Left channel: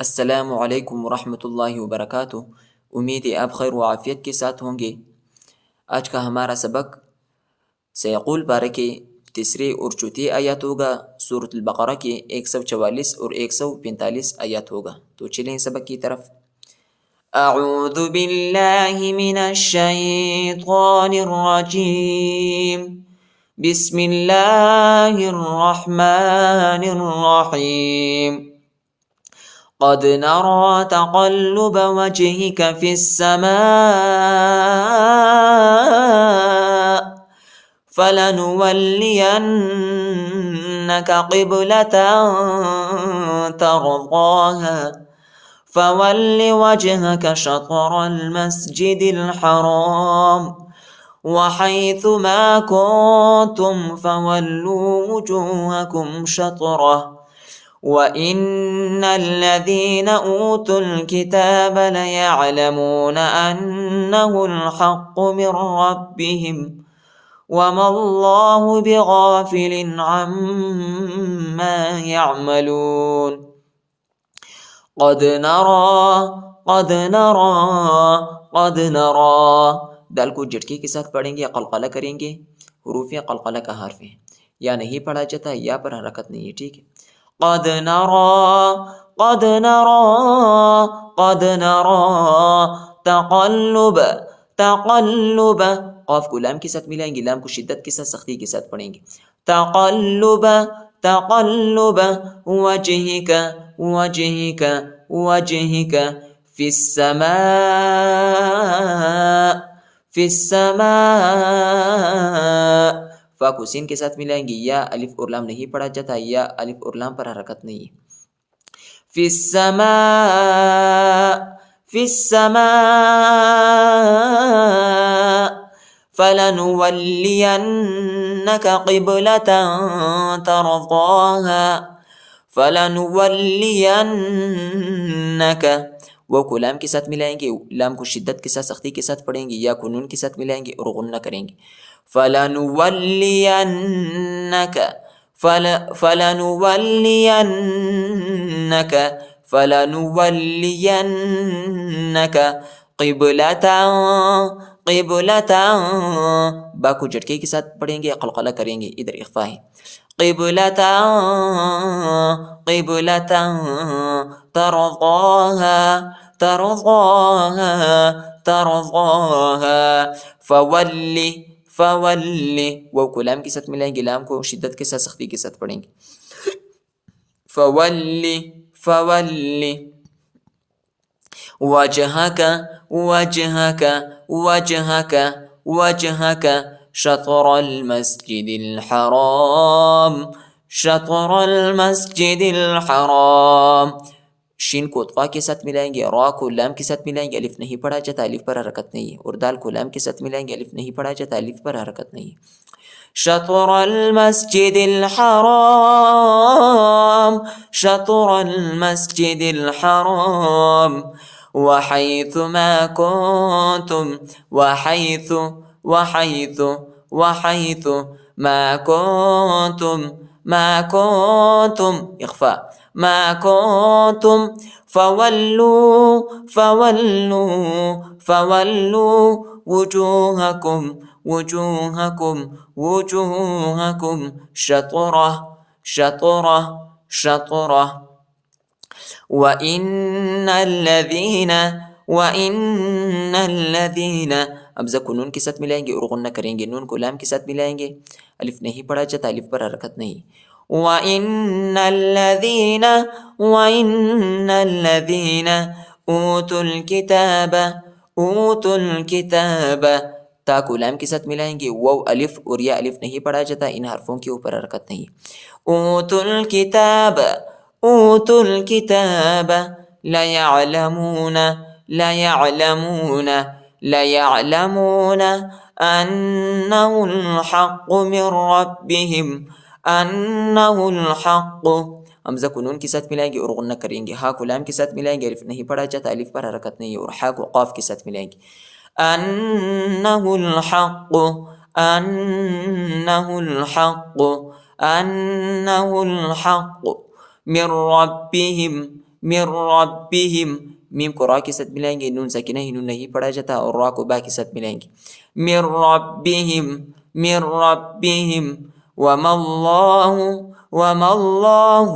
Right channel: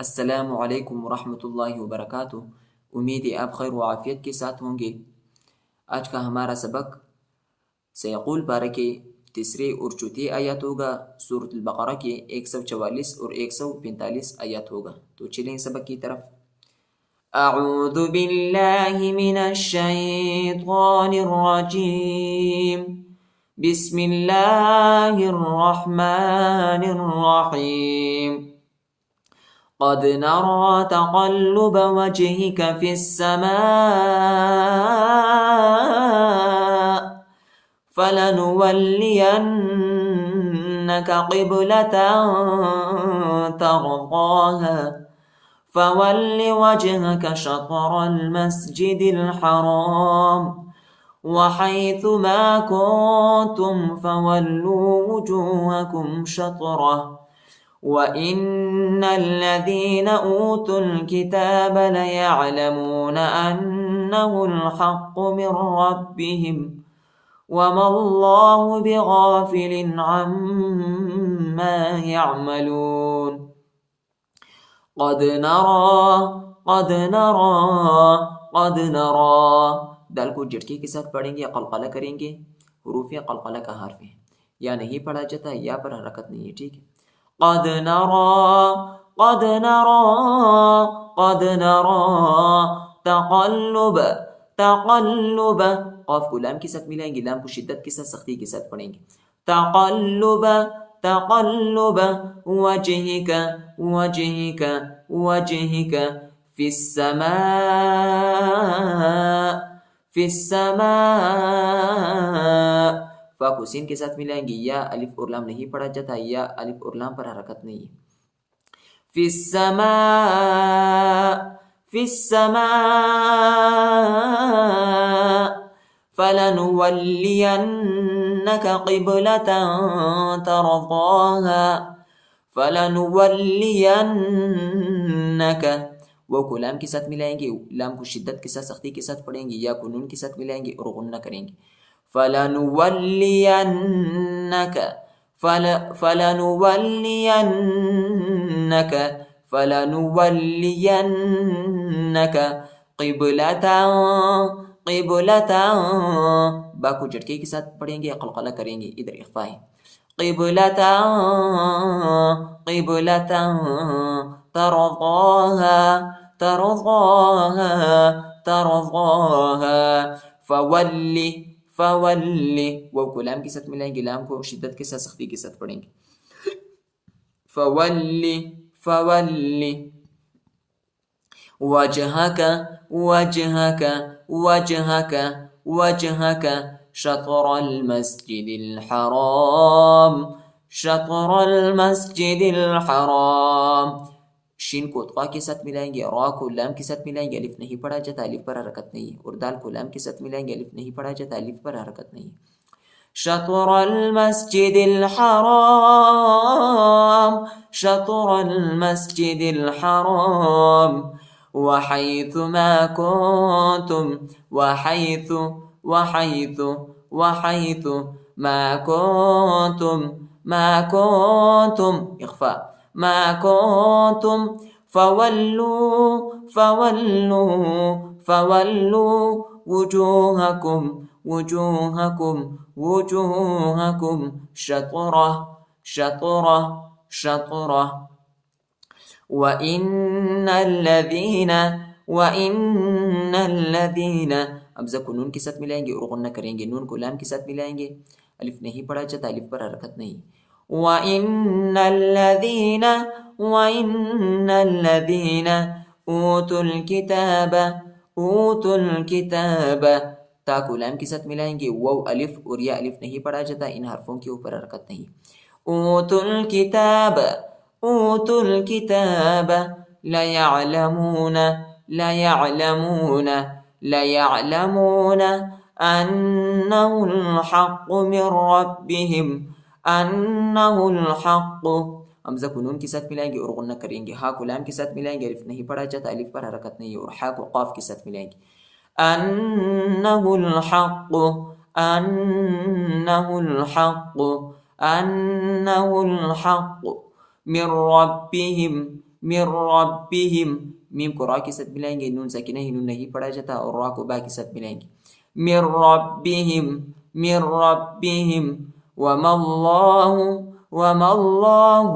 السلام علیکم ورحمۃ اللہ وبرکاتہ۔ امید ہے آپ خیر و عافیت کے ساتھ ہوں گے۔ آج کا ہمارا سبق سیقول پارہ کے تیسرے اور چوتھی آیات ہوگا۔ سورۃ البقرہ کے 144 اور 145 آیات ہوگا۔ تو چلیں سبق کی طرف۔ اعوذ باللہ من الشیطان الرجیم، بسم اللہ الرحمن الرحیم۔ قد نرى تقلب وجهك في السماء فلنولينك قبلة ترضاها فول وجهك شطر المسجد الحرام وحيث ما كنتم فولوا وجوهكم شطره وَإِنَّ الَّذِينَ أُوتُوا الْكِتَابَ لَيَعْلَمُونَ أَنَّهُ الْحَقُّ مِنْ رَبِّهِمْ وَمَا اللَّهُ بِغَافِلٍ عَمَّا يَعْمَلُونَ۔ قد نرى دال کو جھٹکے کے ساتھ پڑھیں گے، قلقلہ کریں گے۔ حروف قلقلہ کا حرف ہے، یا نہیں پڑھا جاتا، یا پر حرکت نہیں ہے، ٹھیک ہے۔ قد نرى تقلب قاف کو لام کے ساتھ ملائیں گے، لام کو شدت کے ساتھ سختی کے ساتھ پڑھیں گے۔ تقلب وجهك في السماء فا کو سین کے ساتھ ملائیں گے، یا الف اور لام نہیں پڑھا جاتا، یا الف اور لام پر حرکت نہیں ہے۔ فی السماء فلنولینک قبلة ترضاها فلنولینک وہ کو لام کے ساتھ ملائیں گے، لام کو شدت کے ساتھ سختی کے ساتھ پڑھیں گے، یا کو نون کے ساتھ ملائیں گے اور غنہ کریں گے۔ فلنولینک قبلة با کو جھٹکے کے ساتھ پڑھیں گے، قلقلہ کریں گے، ادھر اخفا ہے۔ قبلة ترضاها فول وہ کو لام کے ساتھ ملائیں گے، لام کو شدت کے ساتھ سختی کے ساتھ پڑھیں گے۔ فول وجهك شطر المسجد الحرام شین کو طا کے ساتھ ملائیں گے، را کو لام کے ساتھ ملائیں گے، الف نہیں پڑھا جاتا، الف پر حرکت نہیں ہے، اور دال کو لام کے ساتھ ملائیں گے، الف نہیں پڑھا جاتا، الف پر حرکت نہیں ہے۔ شطر المسجد الحرام وحيث ما كنتم ما كنتم إخفاء ما كنتم فولوا وجوهكم شطره وَإِنَّ الَّذِينَ اب زکو نون کے ساتھ ملائیں گے اور غنہ کریں گے، نون کو لام کے ساتھ ملائیں گے، الف نہیں پڑھا جاتا، الف پر حرکت نہیں۔ وَإِنَّ الَّذِينَ أُوتُوا الْكِتَابَ تا کو لام کے ساتھ ملائیں گے، واو الف اور یا الف نہیں پڑھا جاتا، ان حرفوں کے اوپر حرکت نہیں۔ أُوتُوا الكتاب ليعلمون أنه الحق من ربهم حمزہ کو نون کے ساتھ ملائیں گے اور غنہ کریں گے، ہا کو لام کے ساتھ ملائیں گے، الف نہیں پڑھا جاتا، الف پر حرکت نہیں ہے، اور ہا کو قاف کے ساتھ ملائیں گے۔ أنه الحق من ربهم من ربهم، میم کو را کے ساتھ ملائیں گے، نون ساکنہ ہی نون نہیں پڑھا جاتا، اور را کو با کے ساتھ ملائیں گے، من ربهم من ربهم، وما اللہ وما اللہ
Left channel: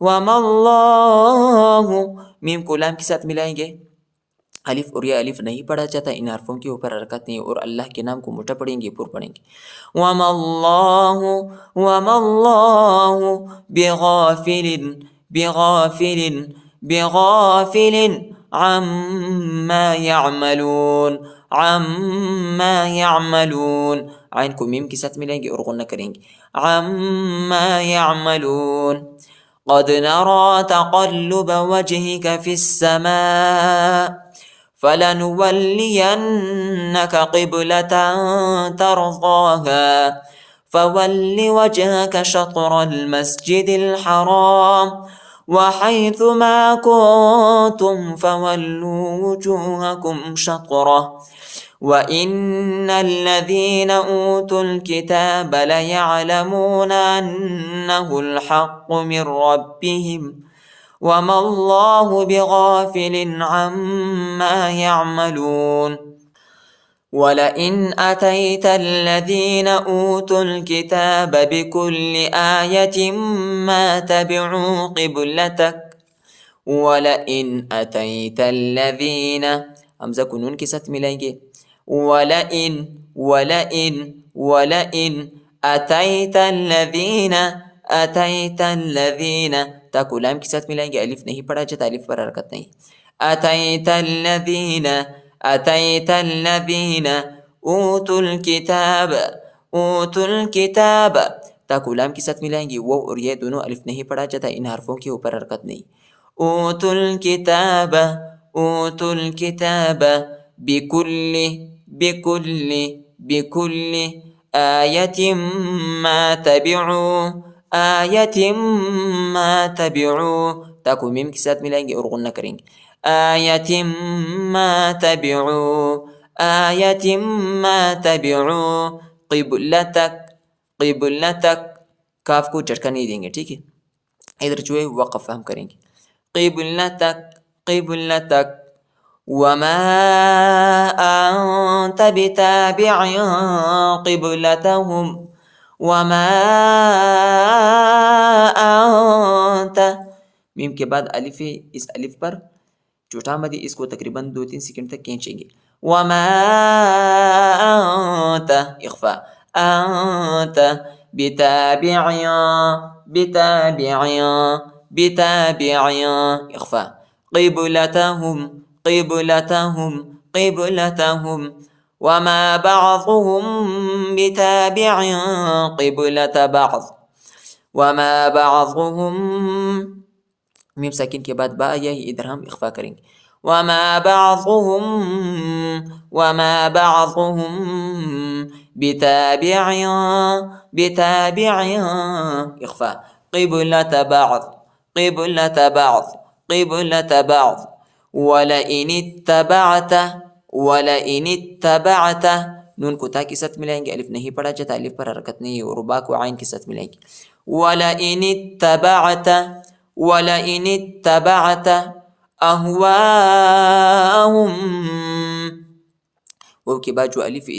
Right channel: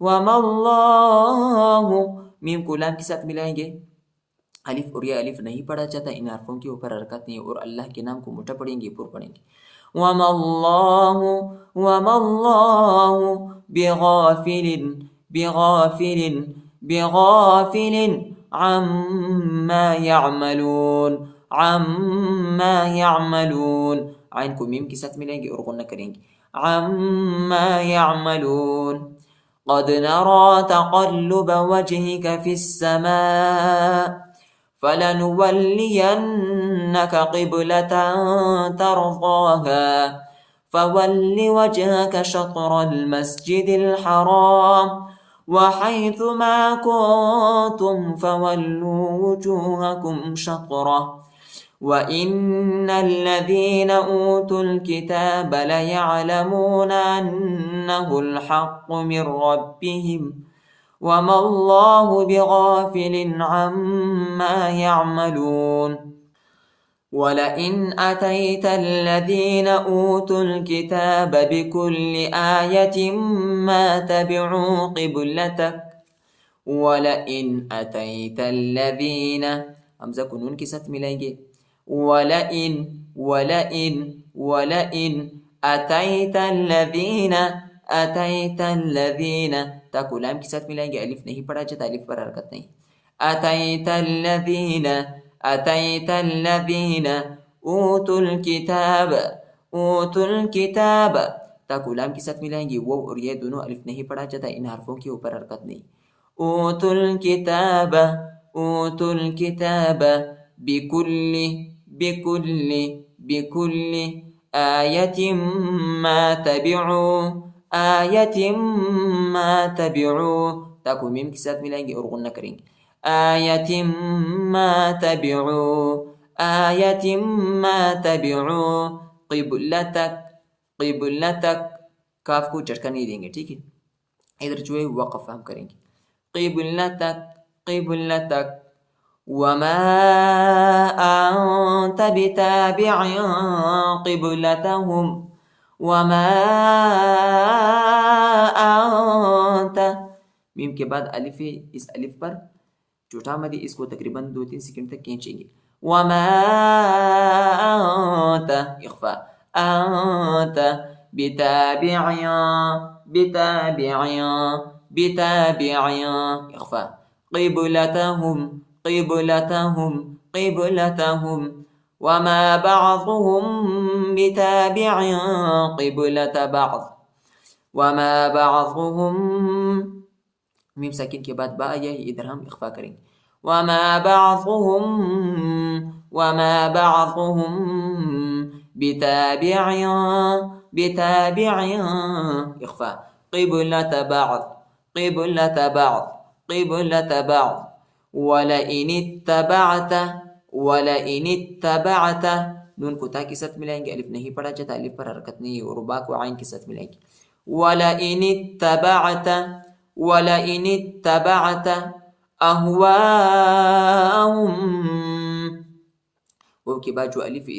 وما اللہ، میم کو لام کے ساتھ ملائیں گے، الف اور یا الف نہیں پڑھا جاتا، ان حرفوں کے اوپر حرکت نہیں، اور اللہ کے نام کو موٹا پڑھیں گے، پر پڑھیں گے، وما اللہ بغافل بغافل بغافل عما يعملون عما يعملون، عین کو میم کے ساتھ ملائیں گے اور غنہ کریں گے، عما يعملون، قد نرى تقلب وجهك في السماء فلنولينك قبلة ترضاها فول وجهك شطر المسجد الحرام وحيث ما كنتم فولوا وجوهكم شطره وإن الذين أوتوا الكتاب ليعلمون أنه الحق من ربهم وما الله بغافل عما يعملون ولئن أتيت الذين أوتوا الكتاب بكل آية ما تبعوا قبلتك ولئن أتيت الذين، حمزہ کو نون کے ساتھ ملائیں گے، ولئن ولئن ولئن أتيت الذين أتيت الذين، تا کو لام کے ساتھ ملائیں گے، الف نہیں پڑھا جاتا، الف پر حرکت نہیں، أتيت الذين أتيت الذين أوتوا الكتاب أوتوا الكتاب، تا کو لام کے ساتھ ملائیں گے، وہ اور یہ دونوں الف نہیں پڑھا جاتا، ان حرفوں کے اوپر حرکت نہیں، أوتوا الكتاب أوتوا الكتاب بكل بكل بكل آية ما تبعوا آية ما تبعوا، تا کو میم کے ساتھ ملائیں گے اور غنہ کریں گے، آية ما تبعوا آية ما تبعوا قبلتك قبلتك، کاف کو جھٹکا نہیں دیں گے، ٹھیک ہے، ادھر جو ہے وقف ہم کریں گے، قبلتك قبلتك وما أنت بتابع قبلتهم وما أنت، میم کے بعد الف ہے، اس الف پر چوٹا مدی، اس کو تقریباً 2-3 سیکنڈ تک کھینچیں گے، وما أنت اخفاء أنت بتابع بتابع بتابع اخفاء قبلتهم قبلتهم قبلتهم وما بعضهم بتابع قبلة بعض وما بعضهم، میم ساکن کے بعد با یہی ادھر ہم اخفا کریں گے، وما بعضهم بتابع بتابع اخفاء قبلة بعض قبلة بعض قبلة بعض ولئن اتبعت ولئن اتبعت، نون کو تا کے ساتھ ملائیں گے، الف نہیں پڑھا جاتا، الف پر حرکت نہیں ہے، اور با کو عین کے ساتھ ملائیں گے، ولئن اتبعت ولئن اتبعت اهواءهم، وہ کے بعد جو الف ہے،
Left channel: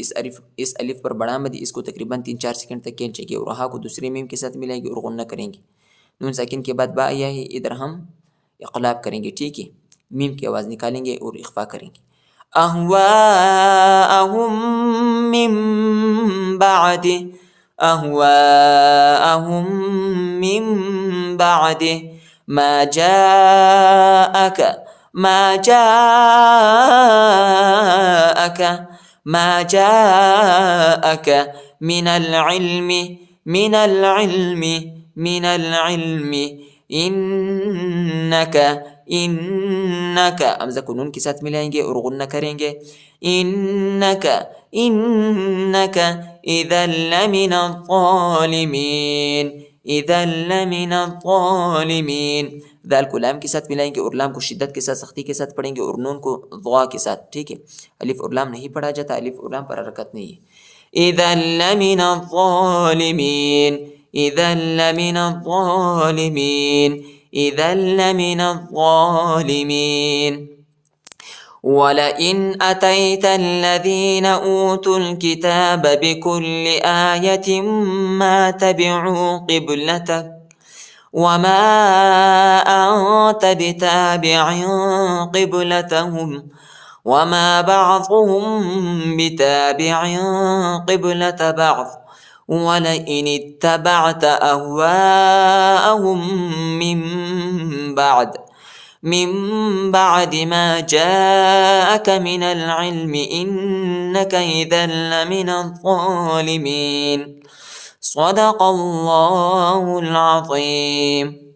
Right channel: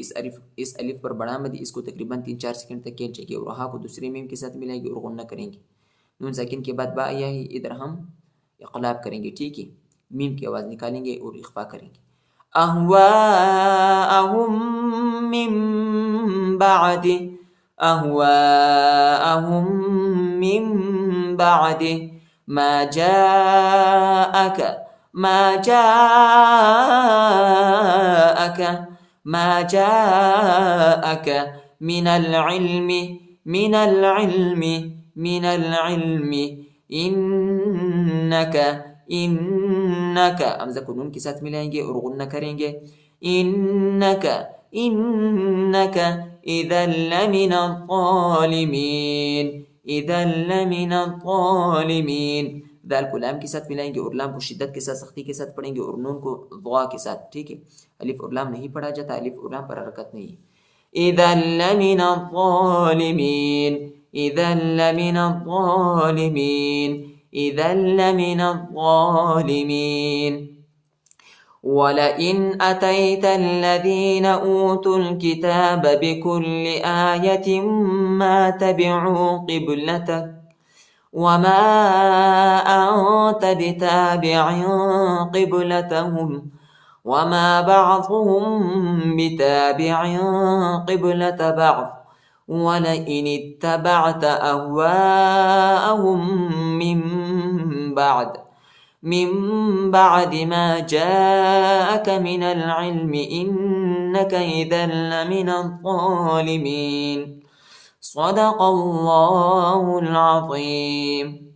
اس الف پر بڑا مدی، اس کو تقریباً 3-4 سیکنڈ تک کھینچیں گے، اور ہا کو دوسرے میم کے ساتھ ملائیں گے اور غنہ کریں گے، نون ساکن کے بعد با آیا ہے، ادھر ہم اقلاب کریں گے، ٹھیک ہے، میم کی آواز نکالیں گے اور اخفا کریں گے، اهواءهم من بعد اهواءهم من بعد ما جاءك ما جاءك ما جاءك من العلم من العلم من العلم انك انك، حمزہ کو نون کے ساتھ ملائیں گے اور غنہ کریں گے، انك انك اذا لمن الظالمین اذا لمن الظالمین، دال کو لام کے ساتھ ملائیں گے اور لام کو شدت کے ساتھ سختی کے ساتھ پڑھیں گے، اور نون کو ضا کے ساتھ، ٹھیک ہے، الف اور لام نہیں پڑھا جاتا، الف اور لام پر حرکت نہیں ہے، اذا لمن الظالمین اذا لمن الظالمین إذا لمن الظالمين. ولئن أتيت الذين أوتوا الكتاب بكل آية ما تبعوا قبلتك وما أنت بتابع قبلتهم وما بعضهم بتابع قبلة بعض ولئن اتبعت أهواءهم من بعد ما جاءك من العلم إنك إذا لمن الظالمين. صدق الله العظيم.